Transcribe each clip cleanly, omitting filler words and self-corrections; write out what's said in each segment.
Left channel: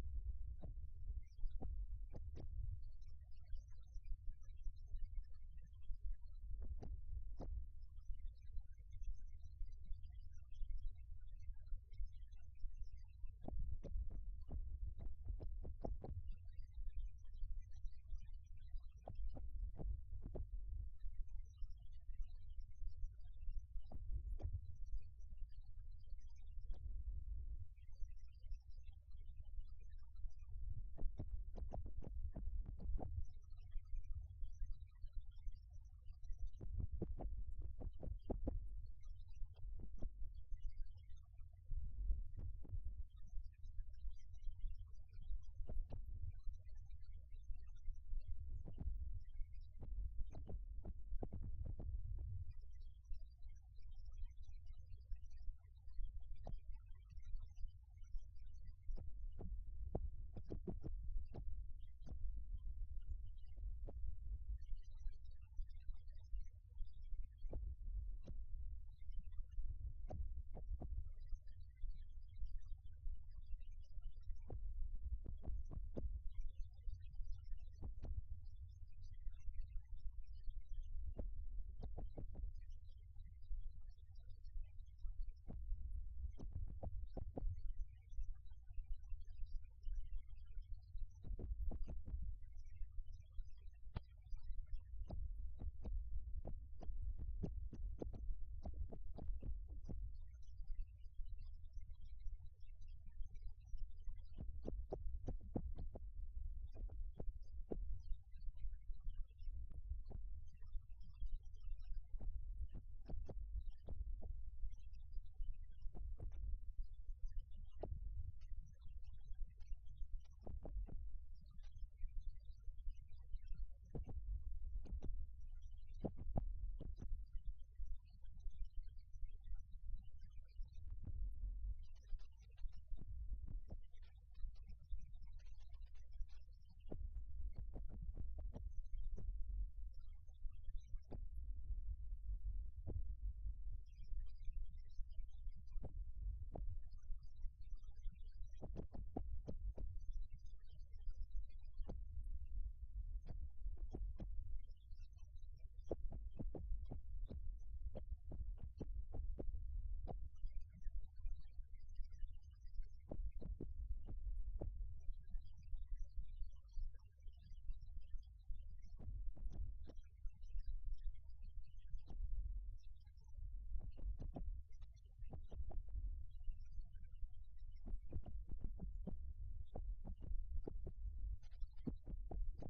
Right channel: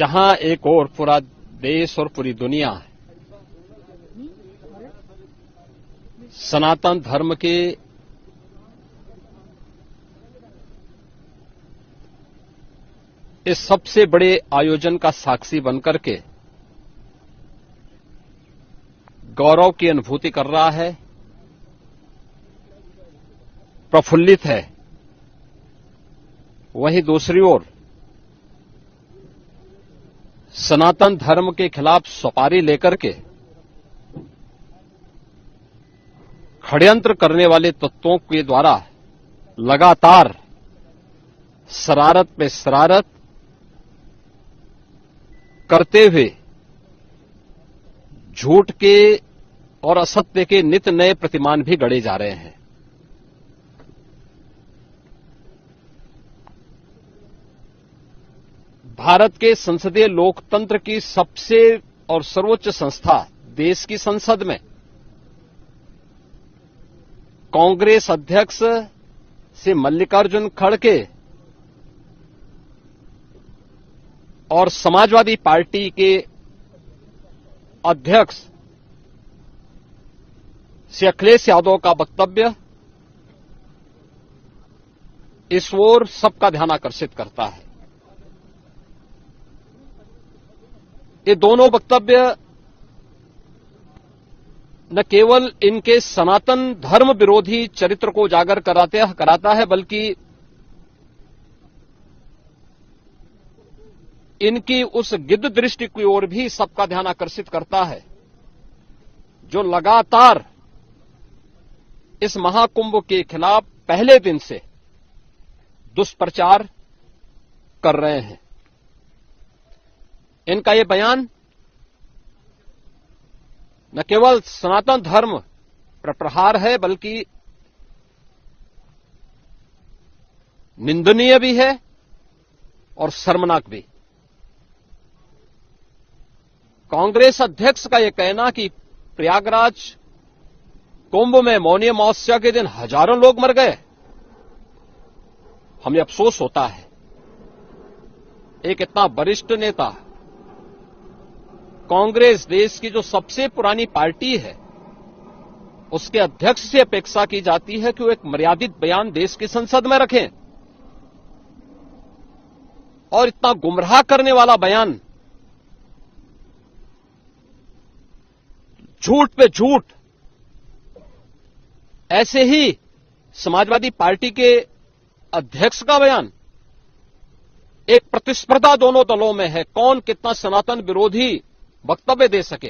जहां एक और पूरा देश और पूरी दुनिया सनातन धर्म के इस सबसे बड़े आयोजन का साक्षी बनकर के गौरव की अनुभूति कर रहा है, प्रफुल्लित है, वहीं दूसरी ओर सनातन धर्म के खिलाफ सपारी लेकर के षड्यंत्र करने वाले तत्वों के द्वारा लगातार शरारत पे शरारत करते हुए झूठ के और असत्य के नित नए प्रतिमान भी गढ़े जा रहे हैं। भारत के संसदीय लोकतंत्र की सबसे और सर्वोच्च संस्था देश की संसद में कांग्रेस अध्यक्ष से मल्लिकार्जुन खड़गे और समाजवादी पार्टी के अध्यक्ष श्री अखिलेश यादव का वक्तव्य इस ओर सबका ध्यान आकर्षित करता है। ये दोनों वक्तव्य न केवल इनके सनातन धर्म विरोधी चरित्र को उजागर कराता है, बल्कि इनकी उस गिद्ध दृष्टि की ओर भी सबका ध्यान आकर्षित करता है, जो लगातार इस महाकुंभ के खिलाफ पहले दिन से दुष्प्रचार कर रहे हैं। इनका ये बयान न केवल सनातन धर्म पर प्रहार है, बल्कि निंदनीय भी है और शर्मनाक भी। कांग्रेस अध्यक्ष का यह कहना कि प्रयागराज कुंभ में मौनी अमावस्या के दिन हजारों लोग मर गए, हमें अफसोस होता है। एक इतना वरिष्ठ नेता, कांग्रेस देश की जो सबसे पुरानी पार्टी है, उसके अध्यक्ष से अपेक्षा की जाती है कि वो एक मर्यादित बयान देश की संसद में रखें, और इतना गुमराह करने वाला बयान, झूठ पे झूठ, ऐसे ही समाजवादी पार्टी के अध्यक्ष का बयान, एक प्रतिस्पर्धा दोनों दलों में है, कौन कितना सनातन विरोधी वक्तव्य दे सके।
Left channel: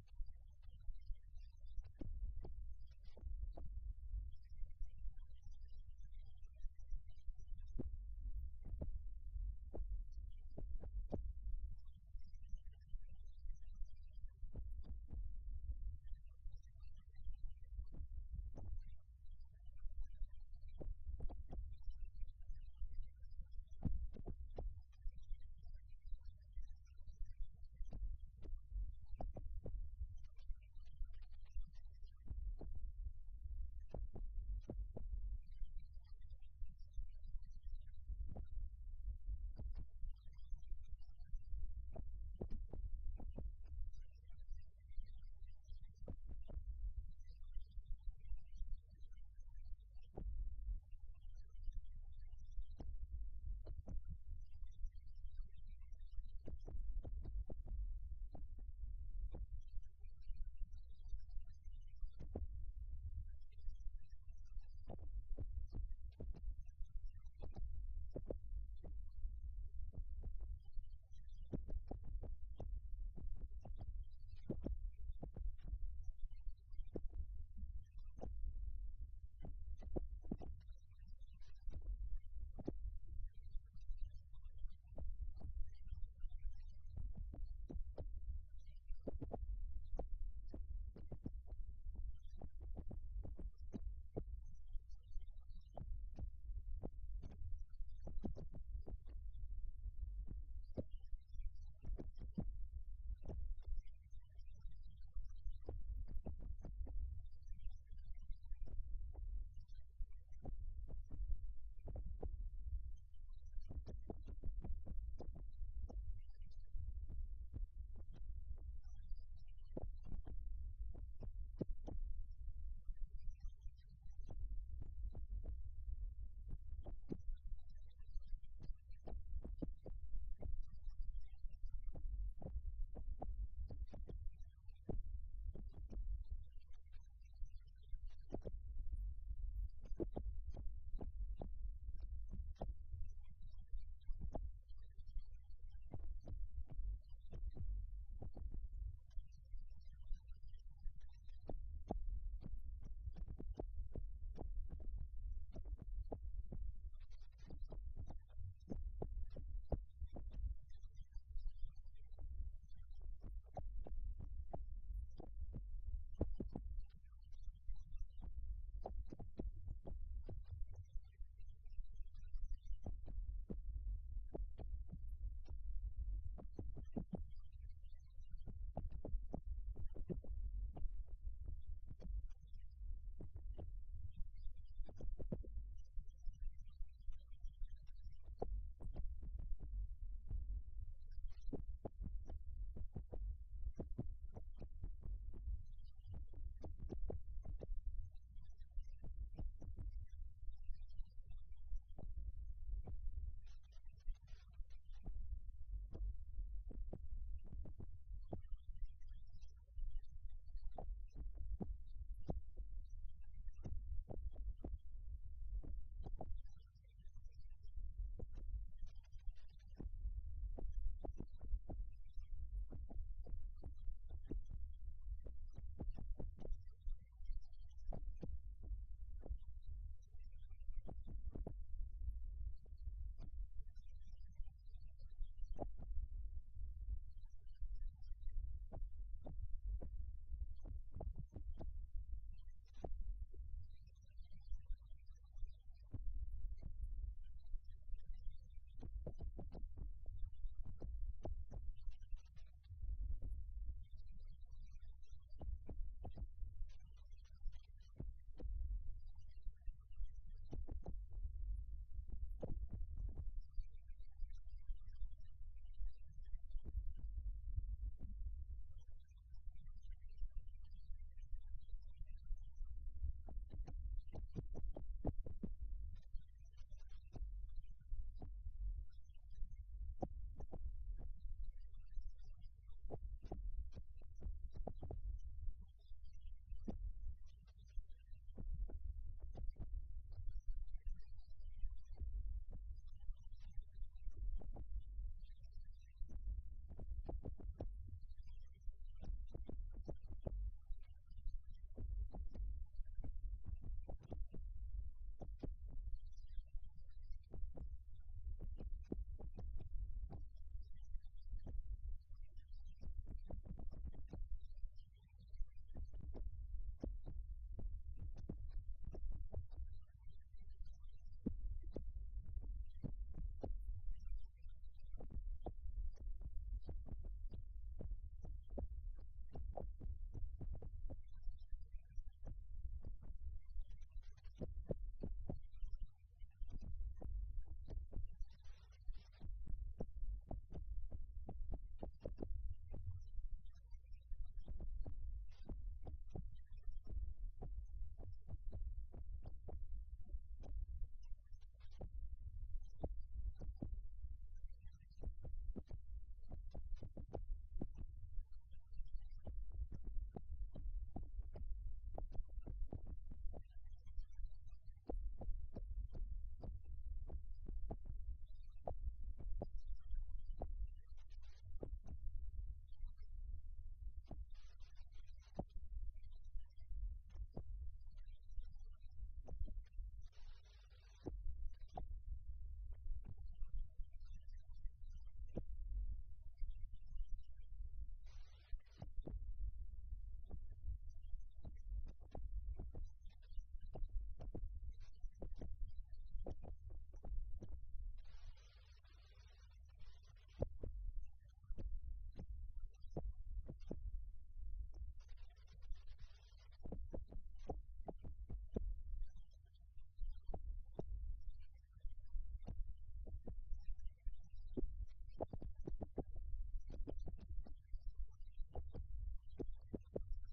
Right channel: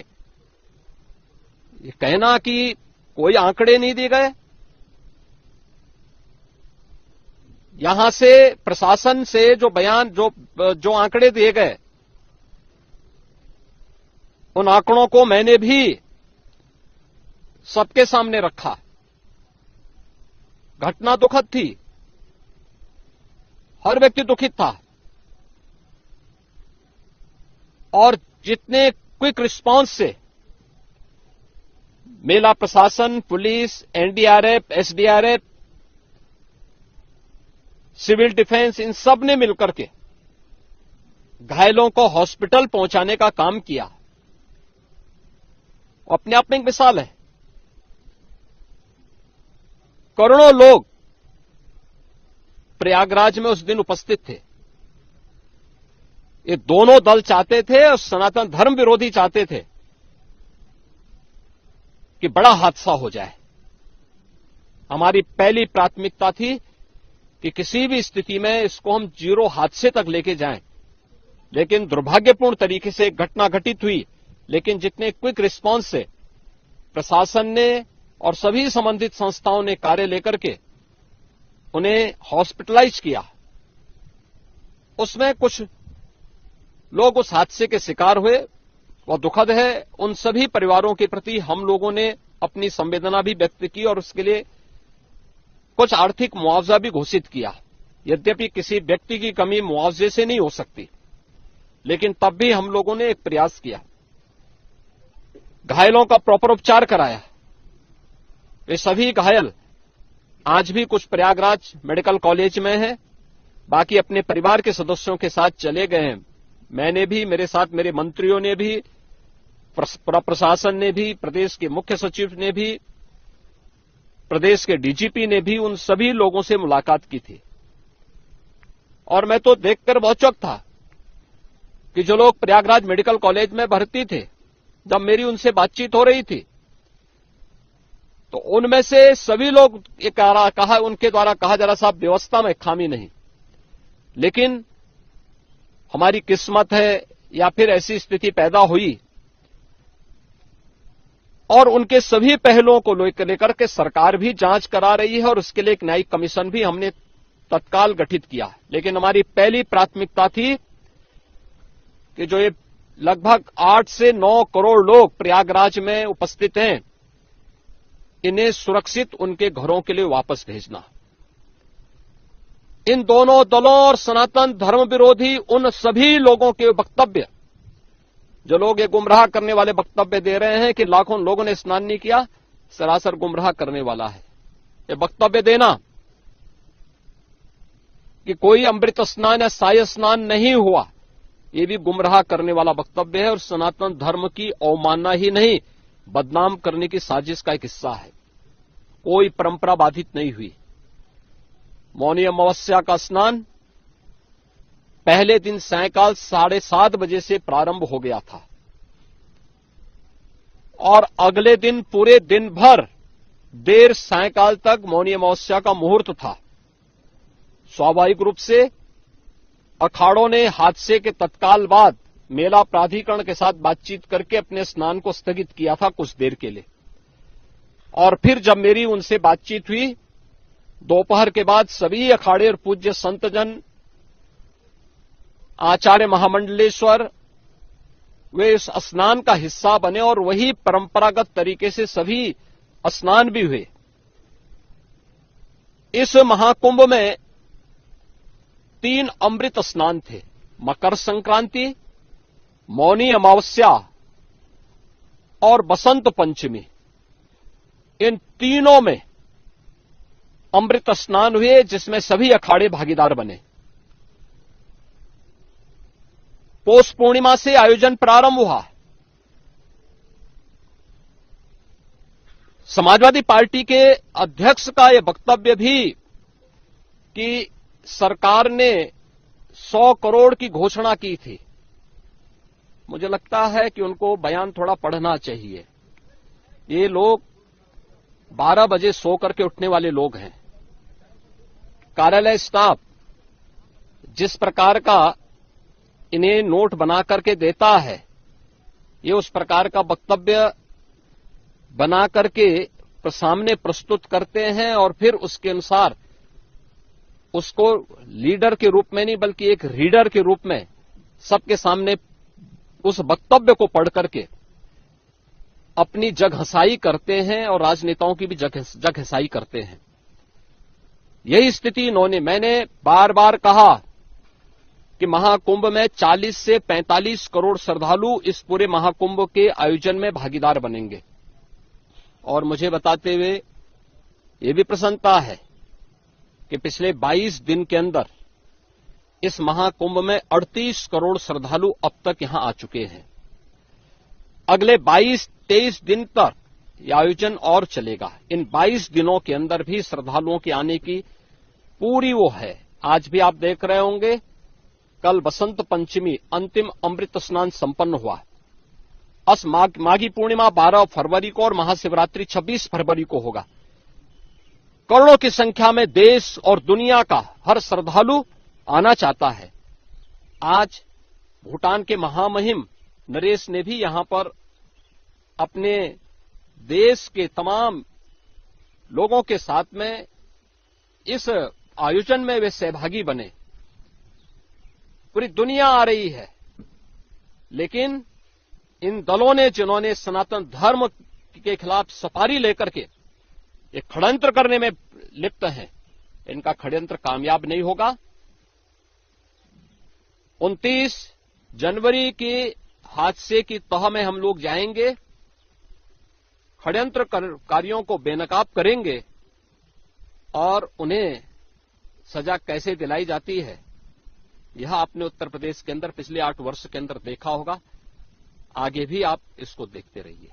ये कहना कि कोई आंकड़े नहीं दिए गए, यहां से प्रशासन से जो बयान जो आंकड़े दिए गए, उन आंकड़ों को मैंने भी सबके सामने रखा। घटना दुखद थी, हर व्यक्ति दुखित था, और जितने क्विक रिस्पांस से मेला प्रशासन, पुलिस, एनडीआरएफ, एसडीआरएफ, सिविल डिफेंस, इन सब ने मिलकर के घायलों को हॉस्पिटल पहुंचाने का काम किया, अपने आप में एक मिसाल है। करोड़ों लोग प्रयागराज में उस दिन उपस्थित थे। ये दोनों दल चाहते थे और सनातन धर्म विरोधी चाहते थे कि बड़ा हादसा हो जाए। हमारी पहली प्राथमिकता थी कि किसी भी स्थिति में इसको हम जीरो हादसे तक लेके जाएं, लेकिन दुर्भाग्यपूर्ण तरीके से एक घटना घटित हुई। लेकिन जितने क्विक रिस्पांस से प्रशासन ने और सभी संबंधित संस्थाओं ने कार्य लेकर के उन्हें हॉस्पिटलाइज किया, उसमें कुछ लोग उस हादसे के शिकार हुए, वह दुखद है। उन सभी परिवारों के प्रति हम लोगों ने अपनी संवेदना भी व्यक्त की और उसके लिए कुछ आर्थिक मुआवजा भी घोषित किया। यद्यपि किसी व्यक्ति की कमी मुआवजे से नहीं हो सकती, लेकिन तब भी हम लोगों ने एक प्रयास किया, घायलों का प्रॉपर उपचार कराया। वे सभी घायल आज भी कुछ प्रयागराज मेडिकल कॉलेज में हैं, बाकी अपने परिवार के सदस्यों के साथ चले गए हैं मैंने भी, मेरे साथ मेरे मंत्रियों ने भी, प्रशासन ने भी, प्रदेश के मुख्य सचिव ने भी, प्रदेश के डीजीपी ने भी उन सभी लोगों से मुलाकात की थी। और मैं तो देखकर बहुत चौंक था कि जो लोग प्रयागराज मेडिकल कॉलेज में भर्ती थे, जब मेरी उनसे बातचीत हो रही थी, तो उनमें से सभी लोग ये कहा, उनके द्वारा कहा जा रहा, साहब व्यवस्था में खामी नहीं, लेकिन हमारी किस्मत है या फिर ऐसी स्थिति पैदा हुई। और उनके सभी पहलुओं को लेकर के सरकार भी जांच करा रही है और उसके लिए एक न्यायिक कमीशन भी हमने तत्काल गठित किया। लेकिन हमारी पहली प्राथमिकता थी कि जो ये लगभग 8 से 9 करोड़ लोग प्रयागराज में उपस्थित हैं, इन्हें सुरक्षित उनके घरों के लिए वापस भेजना। इन दोनों दलों और सनातन धर्म विरोधी उन सभी लोगों के वक्तव्य, जो लोग ये गुमराह करने वाले वक्तव्य दे रहे हैं कि लाखों लोगों ने स्नान नहीं किया, सरासर गुमराह करने वाला है। ये वक्तव्य देना कि कोई अमृत स्नान या साय स्नान नहीं हुआ, ये भी गुमराह करने वाला वक्तव्य है और सनातन धर्म की अवमानना ही नहीं, बदनाम करने की साजिश का एक हिस्सा है। कोई परंपरा बाधित नहीं हुई। मौनी अमावस्या का स्नान पहले दिन सायंकाल 7:30 बजे से प्रारंभ हो गया था और अगले दिन पूरे दिन भर देर सायंकाल तक मौनी अमावस्या का मुहूर्त था। स्वाभाविक रूप से अखाड़ों ने हादसे के तत्काल बाद मेला प्राधिकरण के साथ बातचीत करके अपने स्नान को स्थगित किया था कुछ देर के लिए। और फिर जब मेरी उनसे बातचीत हुई दोपहर के बाद, सभी अखाड़े और पूज्य संतजन, आचार्य महामंडलेश्वर, वे इस स्नान का हिस्सा बने और वही परंपरागत तरीके से सभी स्नान भी हुए। इस महाकुंभ में 3 अमृत स्नान थे, मकर संक्रांति, मौनी अमावस्या और बसंत पंचमी। इन तीनों में अमृत स्नान हुए जिसमें सभी अखाड़े भागीदार बने। पौष पूर्णिमा से आयोजन प्रारंभ हुआ। समाजवादी पार्टी के अध्यक्ष का यह वक्तव्य भी कि सरकार ने 100 करोड़ की घोषणा की थी, मुझे लगता है कि उनको बयान थोड़ा पढ़ना चाहिए। ये लोग 12 बजे सो करके उठने वाले लोग हैं। कार्यालय स्टाफ जिस प्रकार का इन्हें नोट बना करके देता है, ये उस प्रकार का वक्तव्य बना करके सामने प्रस्तुत करते हैं और फिर उसके अनुसार उसको लीडर के रूप में नहीं बल्कि एक रीडर के रूप में सबके सामने उस वक्तव्य को पढ़ करके अपनी जगहसाई करते हैं और राजनेताओं की भी जगहसाई करते हैं। यही स्थिति इन्होंने, मैंने बार बार कहा कि महाकुंभ में 40 से 45 करोड़ श्रद्धालु इस पूरे महाकुंभ के आयोजन में भागीदार बनेंगे। और मुझे बताते हुए ये भी प्रसन्नता है कि पिछले 22 दिन के अंदर इस महाकुंभ में 38 करोड़ श्रद्धालु अब तक यहां आ चुके हैं। अगले 22-23 दिन तक यह आयोजन और चलेगा। इन 22 दिनों के अंदर भी श्रद्धालुओं के आने की पूरी वो है। आज भी आप देख रहे होंगे, कल बसंत पंचमी अंतिम अमृत स्नान संपन्न हुआ। माघी पूर्णिमा 12 फरवरी को और महाशिवरात्रि 26 फरवरी को होगा। करोड़ों की संख्या में देश और दुनिया का हर श्रद्धालु आना चाहता है। आज भूटान के महामहिम नरेश ने भी यहां पर अपने देश के तमाम लोगों के साथ में इस आयोजन में वे सहभागी बने। पूरी दुनिया आ रही है, लेकिन इन दलों ने जिन्होंने सनातन धर्म के खिलाफ सफारी लेकर के एक षड्यंत्र करने में लिप्त हैं, इनका षड्यंत्र कामयाब नहीं होगा। 29 जनवरी के हादसे की तह में हम लोग जाएंगे, षड्यंत्रकारियों को बेनकाब करेंगे और उन्हें सजा कैसे दिलाई जाती है यह आपने उत्तर प्रदेश के अंदर पिछले 8 वर्ष के अंदर देखा होगा, आगे भी आप इसको देखते रहिए।